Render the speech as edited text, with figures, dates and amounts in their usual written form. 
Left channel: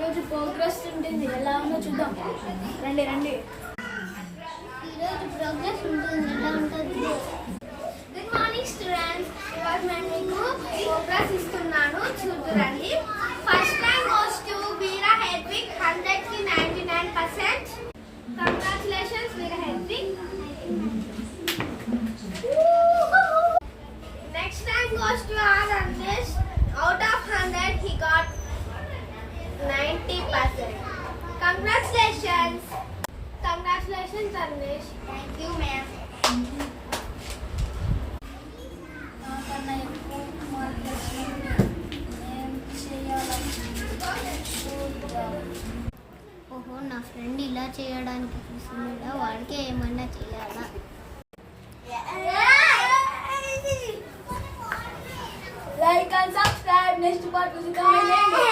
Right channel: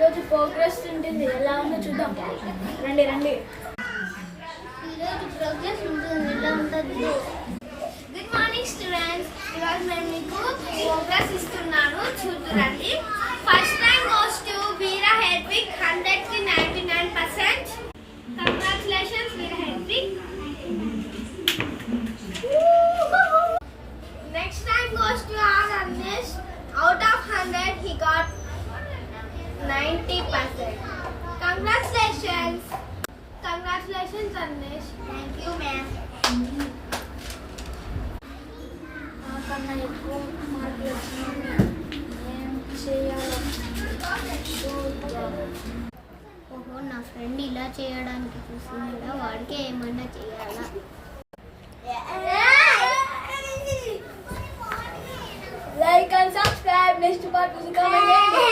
ఈరోజు ప్రోగ్రెస్ ఉంటుంది, ఎలా ఉందో చూద్దాం. రండి రండి. ఈరోజు ప్రోగ్రెస్ ఉంటుంది, ఎలా ఉంటుందో. Good morning students. ఈరోజు మేము మీకు ప్రోగ్రెస్ ఇస్తున్నాను, చూద్దురండి. First rank goes to Veera Hedwig, 100కి 99%. Congratulations Veera Hedwig. Next rank goes to R. Anish. Out of 100, he got 90%. Congratulations. Congratulations, Anish. Thank you, ma'am. నాకన్నా ఎక్కువ మార్కులు వచ్చినాయి. ఏం చేయాలని చూద్దాం. ఓహో, నా ఫ్రెండ్ ఇలా చేయడానికి చూస్తున్నాడా, వాడికి ఏమన్నా చేయాలా? Like and subscribe. Next part is coming.